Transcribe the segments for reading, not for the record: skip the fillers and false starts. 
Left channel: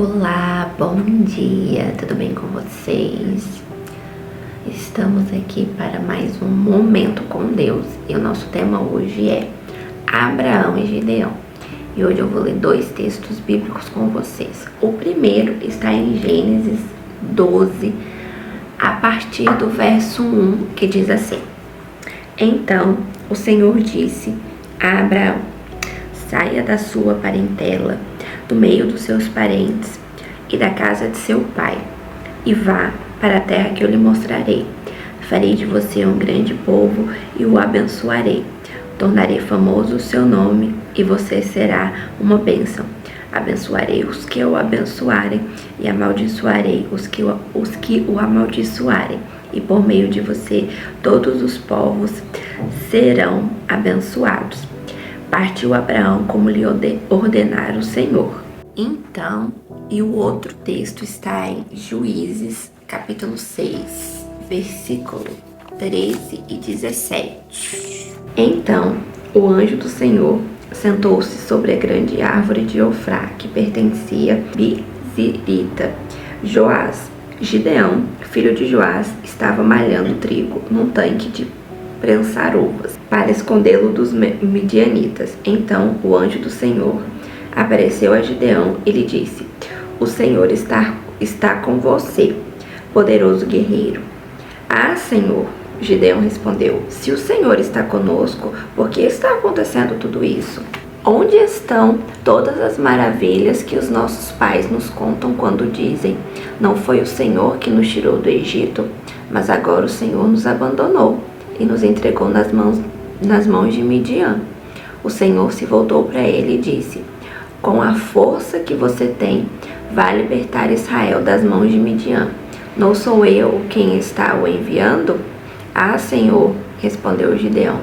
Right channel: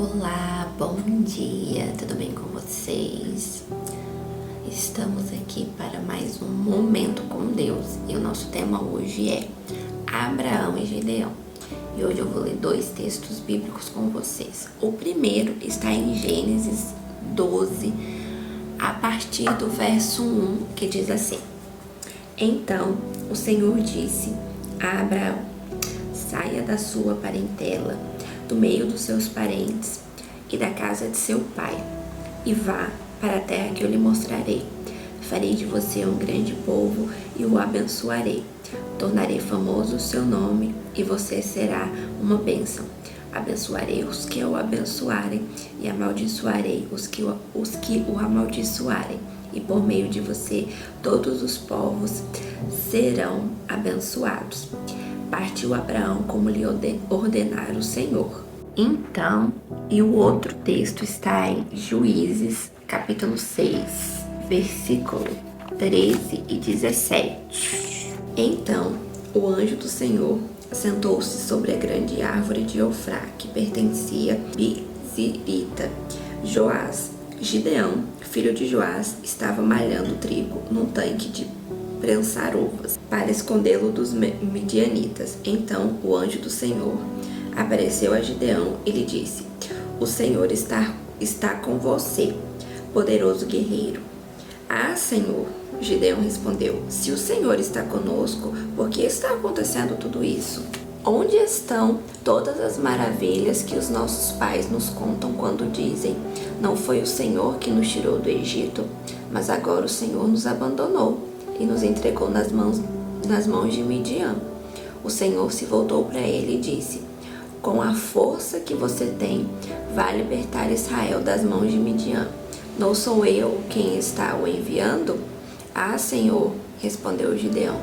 Olá, bom dia, tudo bem com vocês? Estamos aqui para mais um Momento com Deus e o nosso tema hoje é Abraão e Gideão. E hoje eu vou ler dois textos bíblicos com vocês. O primeiro está em Gênesis 12, a partir do verso 1, que diz assim: Então o Senhor disse a Abraão: saia da sua parentela, do meio dos seus parentes e da casa de seu pai, e vá para a terra que eu lhe mostrarei. Farei de você um grande povo e o abençoarei. Tornarei famoso o seu nome e você será uma bênção. Abençoarei os que o abençoarem e amaldiçoarei os que o amaldiçoarem. E por meio de você todos os povos serão abençoados. Partiu Abraão como lhe ordenara o Senhor. Então, e o outro texto está em Juízes, capítulo 6, versículo 13 e 17. Então, o anjo do Senhor sentou-se sobre a grande árvore de Ofrá, que pertencia a Bizirita. Joás, Gideão, filho de Joás, estava malhando trigo num tanque de prensar uvas, para escondê-lo dos midianitas. Então o anjo do Senhor apareceu a Gideão e lhe disse: O Senhor está com você, poderoso guerreiro. Ah, Senhor, Gideão respondeu: se o Senhor está conosco, por que está acontecendo tudo isso? Onde estão todas as maravilhas que os nossos pais nos contam quando dizem: não foi o Senhor que nos tirou do Egito, mas agora o Senhor nos abandonou e nos entregou nas mãos de Midian. O Senhor se voltou para ele e disse: com a força que você tem, vai libertar Israel das mãos de Midian. Não sou eu quem está o enviando? Ah, Senhor, respondeu Gideão,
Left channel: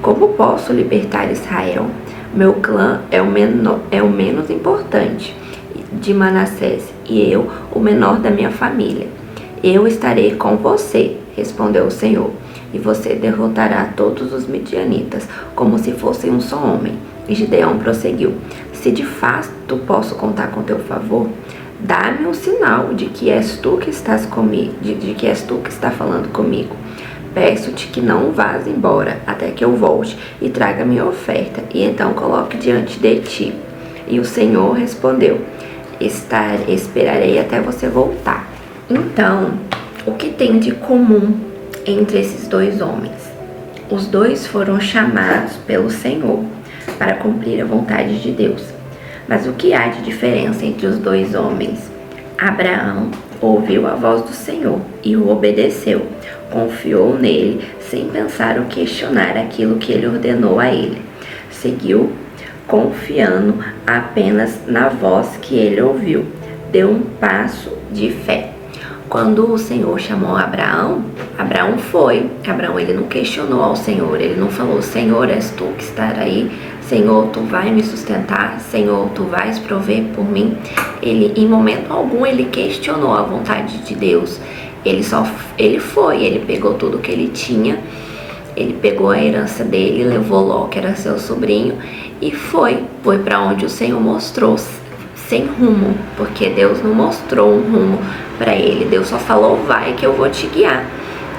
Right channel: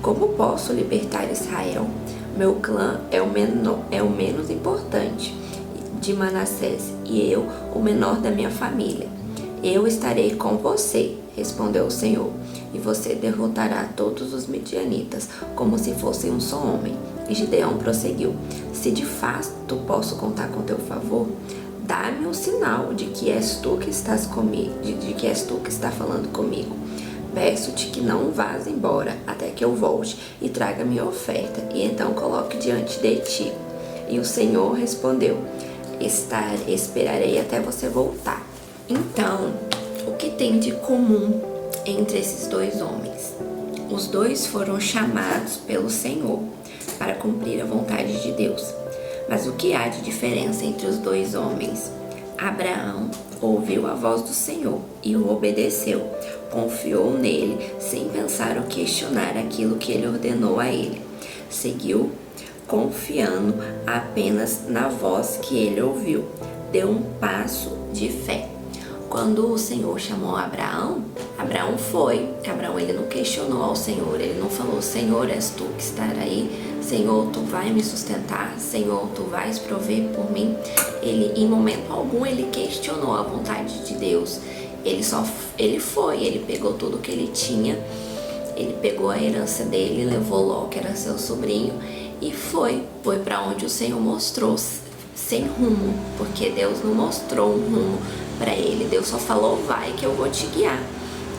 como posso libertar Israel? Meu clã é o menos importante de Manassés e eu o menor da minha família. Eu estarei com você, respondeu o Senhor, e você derrotará todos os midianitas, como se fossem um só homem. E Gideão prosseguiu: se de fato posso contar com teu favor, dá-me um sinal de que és tu que estás comigo, de que és tu que está falando comigo. Peço-te que não vás embora até que eu volte e traga minha oferta, e então coloque diante de ti. E o Senhor respondeu: esperarei até você voltar. Então, o que tem de comum entre esses dois homens? Os dois foram chamados pelo Senhor para cumprir a vontade de Deus. Mas o que há de diferença entre os dois homens? Abraão ouviu a voz do Senhor e o obedeceu. Confiou nele sem pensar ou questionar aquilo que ele ordenou a ele. Seguiu confiando apenas na voz que ele ouviu. Deu um passo de fé. Quando o Senhor chamou Abraão, Abraão foi. Abraão, ele não questionou ao Senhor, ele não falou: Senhor, és tu que está aí? Senhor, tu vai me sustentar? Senhor, tu vais prover por mim? Ele, em momento algum, ele questionou a vontade de Deus. Ele foi, ele pegou tudo que ele tinha, ele pegou a herança dele, levou Ló, que era seu sobrinho, e foi para onde o Senhor mostrou, sem rumo, porque Deus não mostrou um rumo para ele. Deus só falou: vai que eu vou te guiar.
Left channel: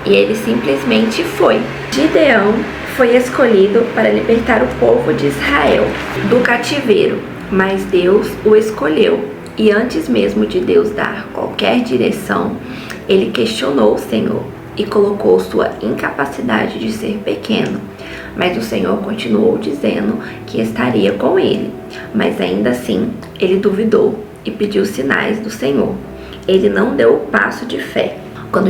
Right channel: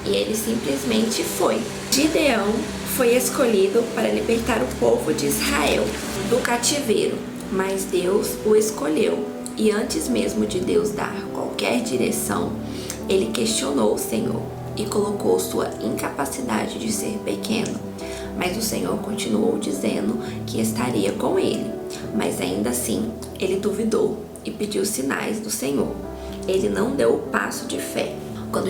E ele simplesmente foi. Gideão foi escolhido para libertar o povo de Israel do cativeiro, mas Deus o escolheu. E antes mesmo de Deus dar qualquer direção, ele questionou o Senhor e colocou sua incapacidade de ser pequeno. Mas o Senhor continuou dizendo que estaria com ele. Mas ainda assim, ele duvidou e pediu sinais do Senhor. Ele não deu o passo de fé. Quando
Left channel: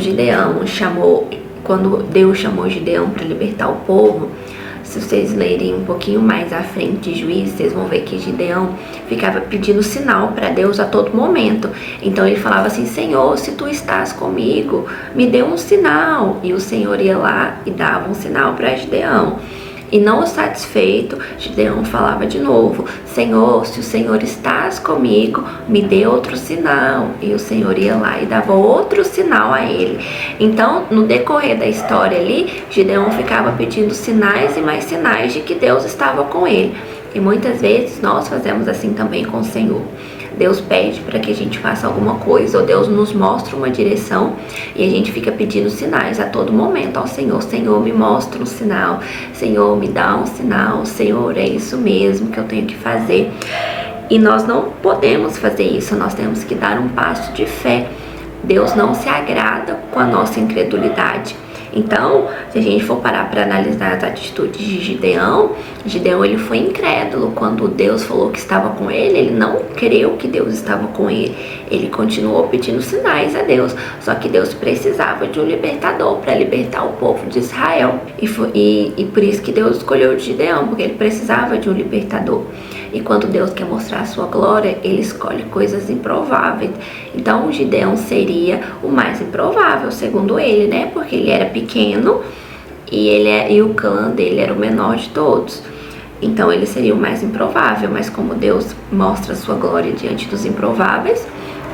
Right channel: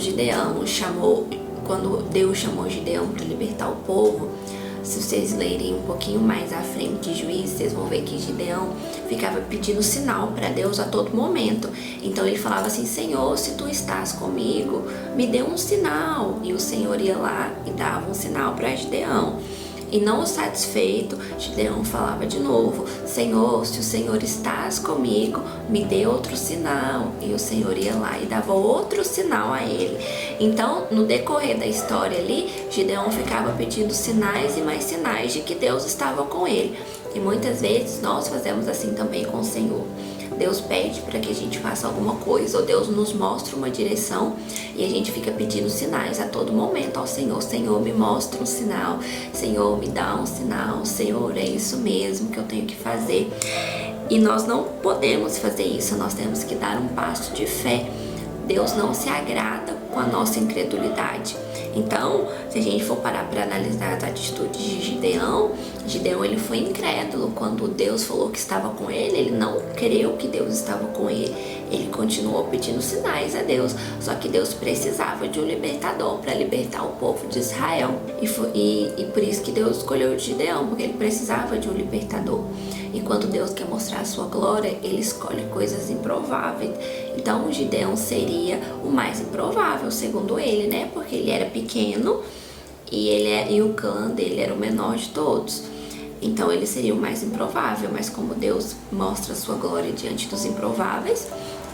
Deus chamou Gideão para libertar o povo, se vocês lerem um pouquinho mais à frente de Juízes, vocês vão ver que Gideão ficava pedindo sinal para Deus a todo momento. Então ele falava assim: Senhor, se tu estás comigo, me dê um sinal. E o Senhor ia lá e dava um sinal para Gideão. E não satisfeito, Gideão falava de novo: Senhor, se o Senhor estás comigo, me dê outro sinal. E o Senhor ia lá e dava outro sinal a ele. Então, no decorrer da história ali, Gideão ficava pedindo sinais e mais sinais de que Deus estava com ele. E muitas vezes nós fazemos assim também com o Senhor. Deus pede para que a gente faça alguma coisa, ou Deus nos mostra uma direção e a gente fica pedindo sinais a todo momento ao Senhor. Senhor, me mostra um sinal. Senhor, me dá um sinal. Senhor, é isso mesmo que eu tenho que fazer. E nós não podemos fazer isso, nós temos que dar um passo de fé. Deus não se agrada com a nossa incredulidade. Então, se a gente for parar para analisar as atitudes de Gideão, ele foi incrédulo. Quando Deus falou que estava com ele não creu que Deus estava com ele. Ele continuou pedindo sinais a Deus. Só que Deus precisava de um libertador para libertar o povo de Israel. E por isso que Deus escolheu Gideão, porque ele precisava de um libertador. E quando Deus quer mostrar a sua glória, ele escolhe coisas improváveis. Então, Gideão seria o mais improvável, segundo ele, né? Porque ele era pequeno e o clã dele era o menor de todos. Então, ele seria o mais improvável. Mas como Deus mostra a sua glória diante dos improváveis,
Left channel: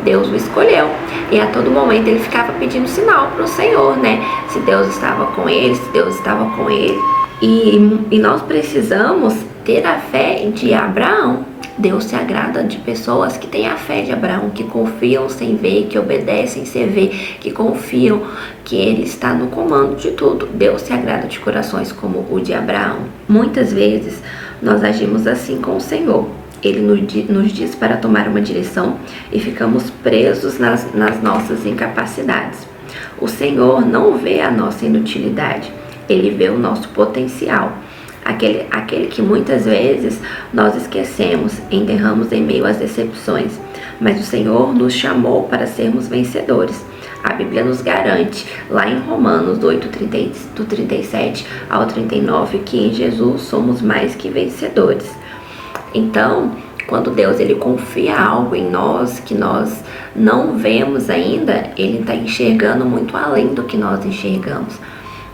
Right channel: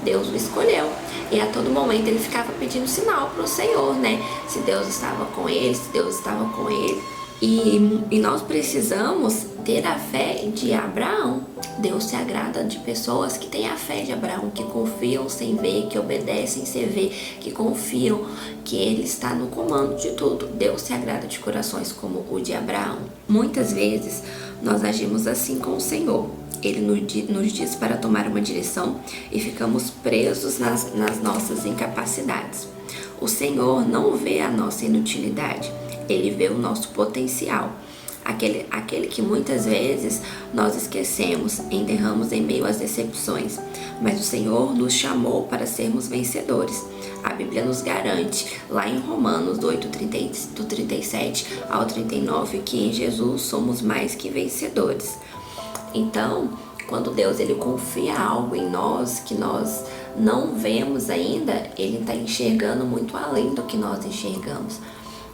Deus o escolheu. E a todo momento ele ficava pedindo sinal para o Senhor, né? Se Deus estava com ele, se Deus estava com ele. E nós precisamos ter a fé de Abraão. Deus se agrada de pessoas que têm a fé de Abraão, que confiam sem ver, que obedecem sem ver, que confiam que ele está no comando de tudo. Deus se agrada de corações como o de Abraão. Muitas vezes nós agimos assim com o Senhor. Ele nos diz para tomar uma direção e ficamos presos nas nossas incapacidades. O Senhor não vê a nossa inutilidade, ele vê o nosso potencial. Aquele que muitas vezes nós esquecemos, enterramos em meio às decepções. Mas o Senhor nos chamou para sermos vencedores. A Bíblia nos garante, lá em Romanos 8, do 37 ao 39, que em Jesus somos mais que vencedores. Então, quando Deus ele confia algo em nós que nós não vemos ainda, ele está enxergando muito além do que nós enxergamos.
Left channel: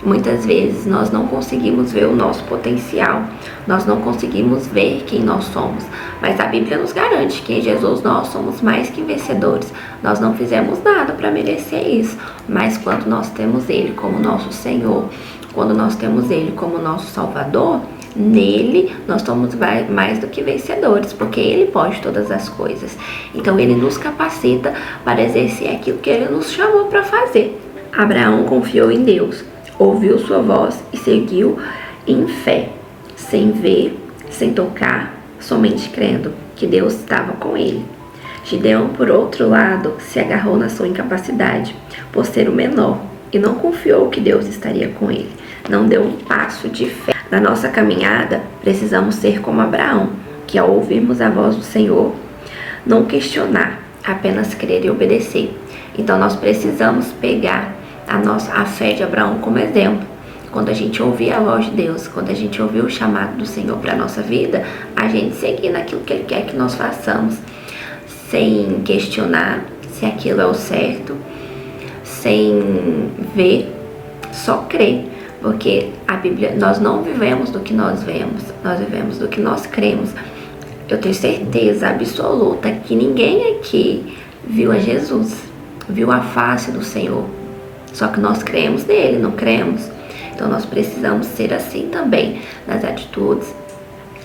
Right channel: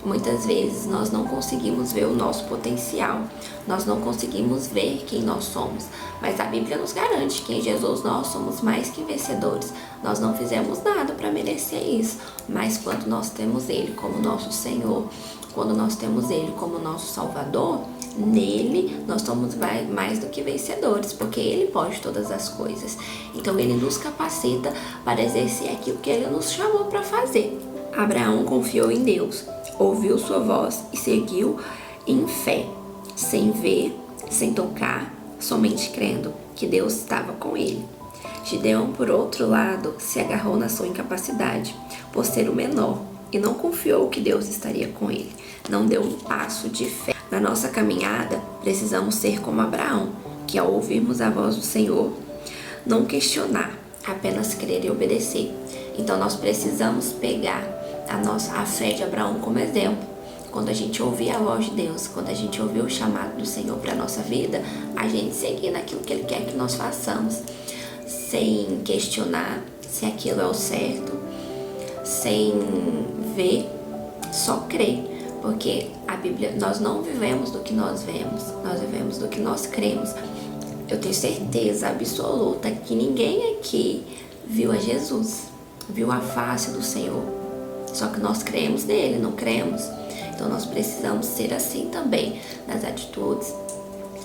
Muitas vezes nós não conseguimos ver o nosso potencial, nós não conseguimos ver quem nós somos, mas a Bíblia nos garante que em Jesus nós somos mais que vencedores. Nós não fizemos nada para merecer isso, mas quando nós temos Ele como nosso Senhor, quando nós temos Ele como nosso Salvador, nele nós somos mais do que vencedores, porque Ele pode todas as coisas. Então Ele nos capacita para exercer aquilo que Ele nos chamou para fazer. Abraão confiou em Deus, ouviu sua voz e seguiu em fé, sem ver, sem tocar, somente crendo que Deus estava com ele. Gideão, por outro lado, se agarrou na sua incapacidade, por ser o menor, e não confiou que Deus estaria com ele. Não deu um passo de fé. Na nossa caminhada, precisamos ser como Abraão, que ao ouvirmos a voz do Senhor, não questionar, apenas crer e obedecer. Então nós precisamos pegar a fé de Abraão como exemplo. Quando a gente ouvir a voz de Deus, quando a gente ouvir o chamado do Senhor para a nossa vida, a gente seguir naquilo que Ele quer que nós façamos, sem questionar se aquilo é o certo, sem ver, só crer. Porque a Bíblia, nós não vivemos do que nós vemos, nós vivemos do que nós cremos. Eu tenho certeza absoluta que ninguém aqui viu a Jesus, viu a face do Senhor. Só que nós cremos nele, não cremos? Então nós precisamos ser assim também nas atitudes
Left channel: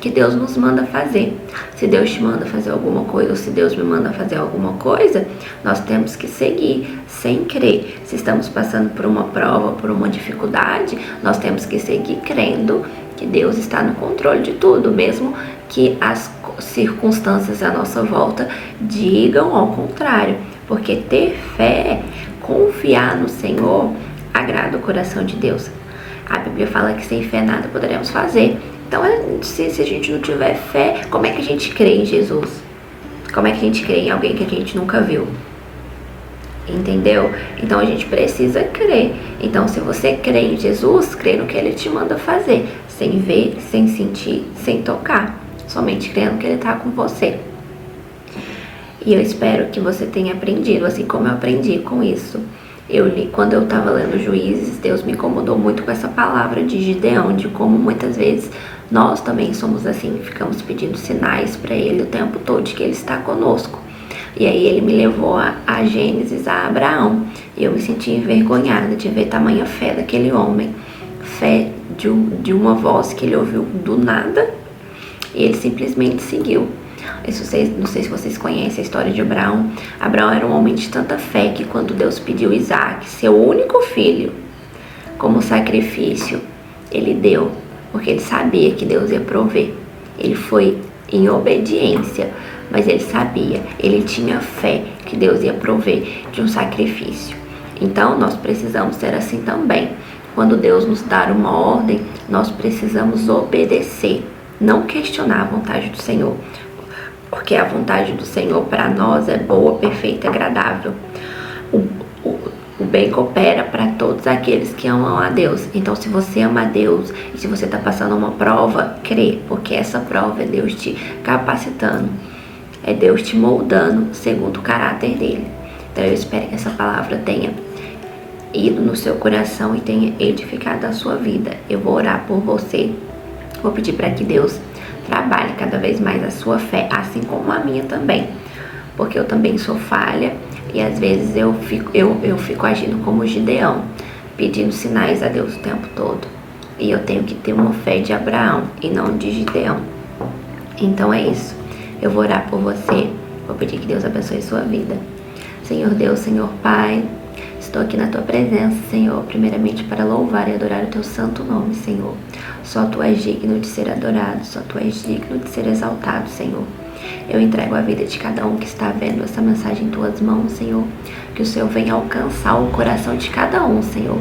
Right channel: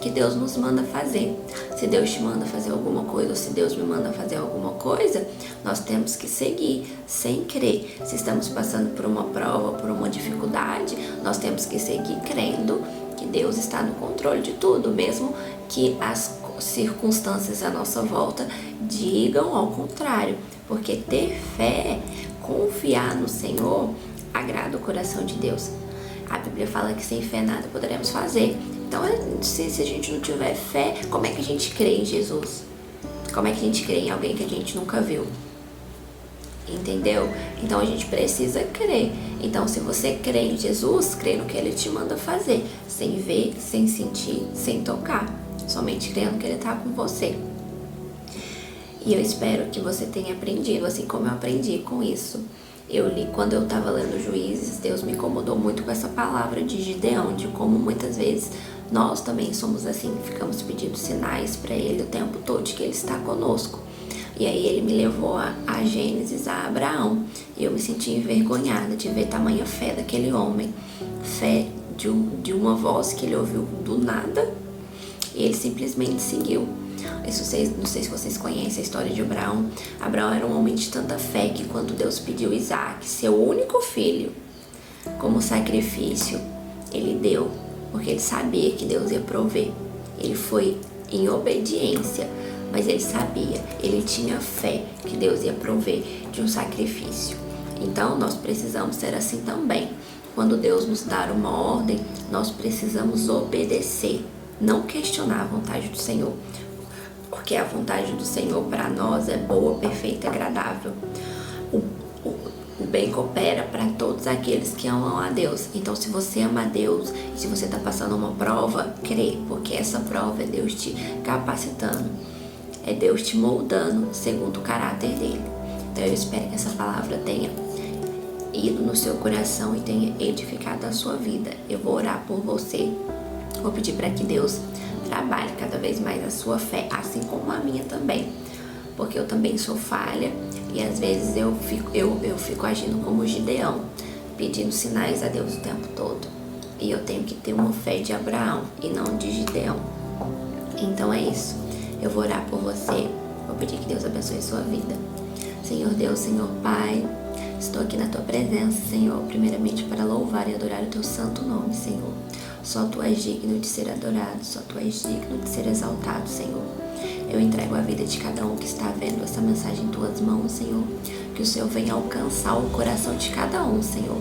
que Deus nos manda fazer. Se Deus te manda fazer alguma coisa, ou se Deus me manda fazer alguma coisa, nós temos que seguir sem crer. Se estamos passando por uma prova, por uma dificuldade, nós temos que seguir crendo que Deus está no controle de tudo, mesmo que as circunstâncias à nossa volta digam ao contrário. Porque ter fé, confiar no Senhor, agrada o coração de Deus. A Bíblia fala que sem fé nada poderemos fazer. Então, se a gente não tiver fé, como é que a gente crê em Jesus? Como é que a gente crê em alguém que a gente nunca viu? Entendeu? Então, a gente precisa crer. Então, se você crê em Jesus, crê no que Ele te manda fazer. Sem ver, sem sentir, sem tocar. Somente crendo que Ele está com você. E eu espero que você tenha aprendido, assim como eu aprendi com isso. Eu li, quando eu estava lendo Juízes, Deus me incomodou muito com essa palavra de Gideão, de como muitas vezes nós também somos assim, ficamos pedindo sinais para Ele o tempo todo de que Ele está conosco. E aí Ele me levou a Gênesis, a Abraão, e eu me senti envergonhada de ver tamanha fé daquele homem. Fé de uma voz que ele ouviu do nada, e ele simplesmente seguiu. Não sei se vocês conhecem a história de Abraão. Abraão era um homem de tanta fé que quando Deus pediu Isaac, seu único filho, como sacrifício, ele deu, porque ele sabia que Deus ia prover. Ele foi em obediência, mas ele sabia, ele tinha fé que Deus ia prover de um sacrifício. Então nós precisamos ser assim também. Quando Deus nos dar uma ordem, nós precisamos obedecer, não questionar a vontade do Senhor, porque a vontade do Senhor para nós é boa, perfeita e agradável. O bem coopera para todos aqueles que amam a Deus. Então, se você ama a Deus e se você está passando uma prova, crê, porque essa prova é Deus te capacitando, é Deus te moldando segundo o caráter dele. Então, eu espero que essa palavra tenha ido no seu coração e tenha edificado a sua vida. Eu vou orar por você, vou pedir para que Deus trabalhe cada vez mais a sua fé, assim como a minha também, porque eu também sou falha e às vezes eu fico agindo como Gideão, pedindo sinais a Deus o tempo todo, e eu tenho que ter uma fé de Abraão e não de Gideão. Então é isso, eu vou orar por você, vou pedir que Deus abençoe sua vida. Senhor Deus, Senhor Pai, estou aqui na Tua presença, Senhor, primeiramente para louvar e adorar o Teu santo nome, Senhor. Só Tu és digno de ser adorado, só Tu és digno de ser exaltado, Senhor. Eu entrego a vida de cada um que está vendo essa mensagem em Tuas mãos, Senhor. Que o Senhor venha alcançar o coração de cada um, Senhor.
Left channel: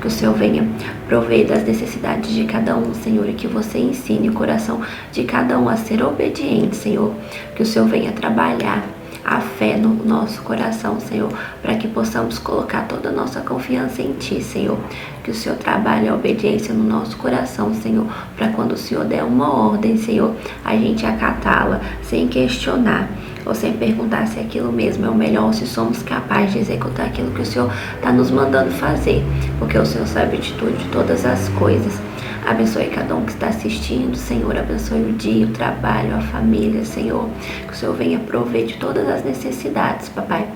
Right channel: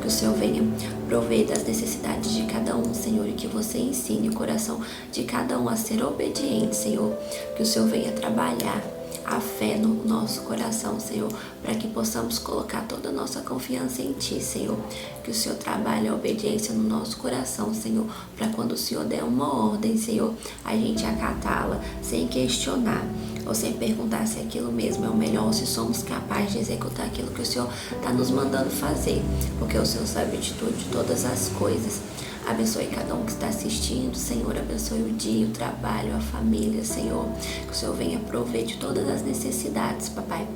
Que o Senhor venha prover das necessidades de cada um, Senhor. E que você ensine o coração de cada um a ser obediente, Senhor. Que o Senhor venha trabalhar a fé no nosso coração, Senhor, para que possamos colocar toda a nossa confiança em Ti, Senhor. Que o Senhor trabalhe a obediência no nosso coração, Senhor, para quando o Senhor der uma ordem, Senhor, a gente acatá-la sem questionar ou sem perguntar se aquilo mesmo é o melhor, ou se somos capazes de executar aquilo que o Senhor está nos mandando fazer, porque o Senhor sabe de tudo, de todas as coisas. Abençoe cada um que está assistindo, Senhor. Abençoe o dia, o trabalho, a família, Senhor. Que o Senhor venha prover de todas as necessidades, Papai.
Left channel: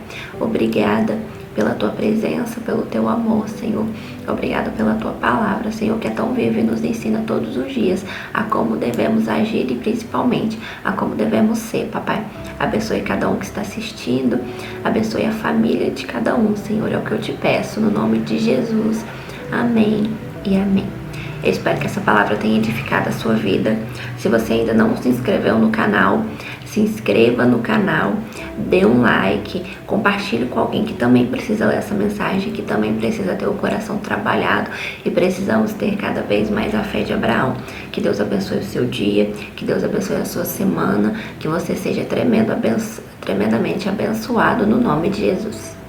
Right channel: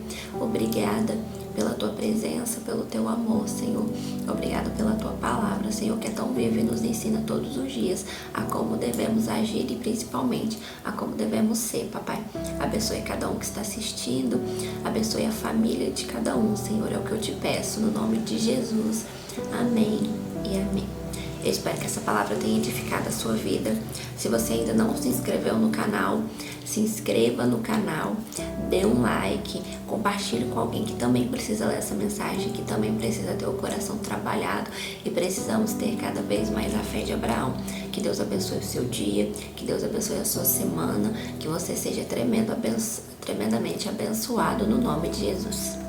Obrigada pela Tua presença, pelo Teu amor, Senhor. Obrigada pela Tua palavra, Senhor, que é tão viva e nos ensina todos os dias a como devemos agir e principalmente a como devemos ser, Papai. Abençoe cada um que está assistindo. Abençoe a família de cada um, Senhor. É o que eu te peço, no nome de Jesus. Amém e amém. Eu espero que essa palavra tenha edificado a sua vida. Se você ainda não se inscreveu no canal, se inscreva no canal, dê um like, compartilhe com alguém que também precisa ler essa mensagem, que também precisa ter o coração trabalhado e precisamos ter cada vez mais a fé de Abraão. Que Deus abençoe o seu dia, que Deus abençoe a sua semana, que você seja tremendamente abençoado no nome de Jesus.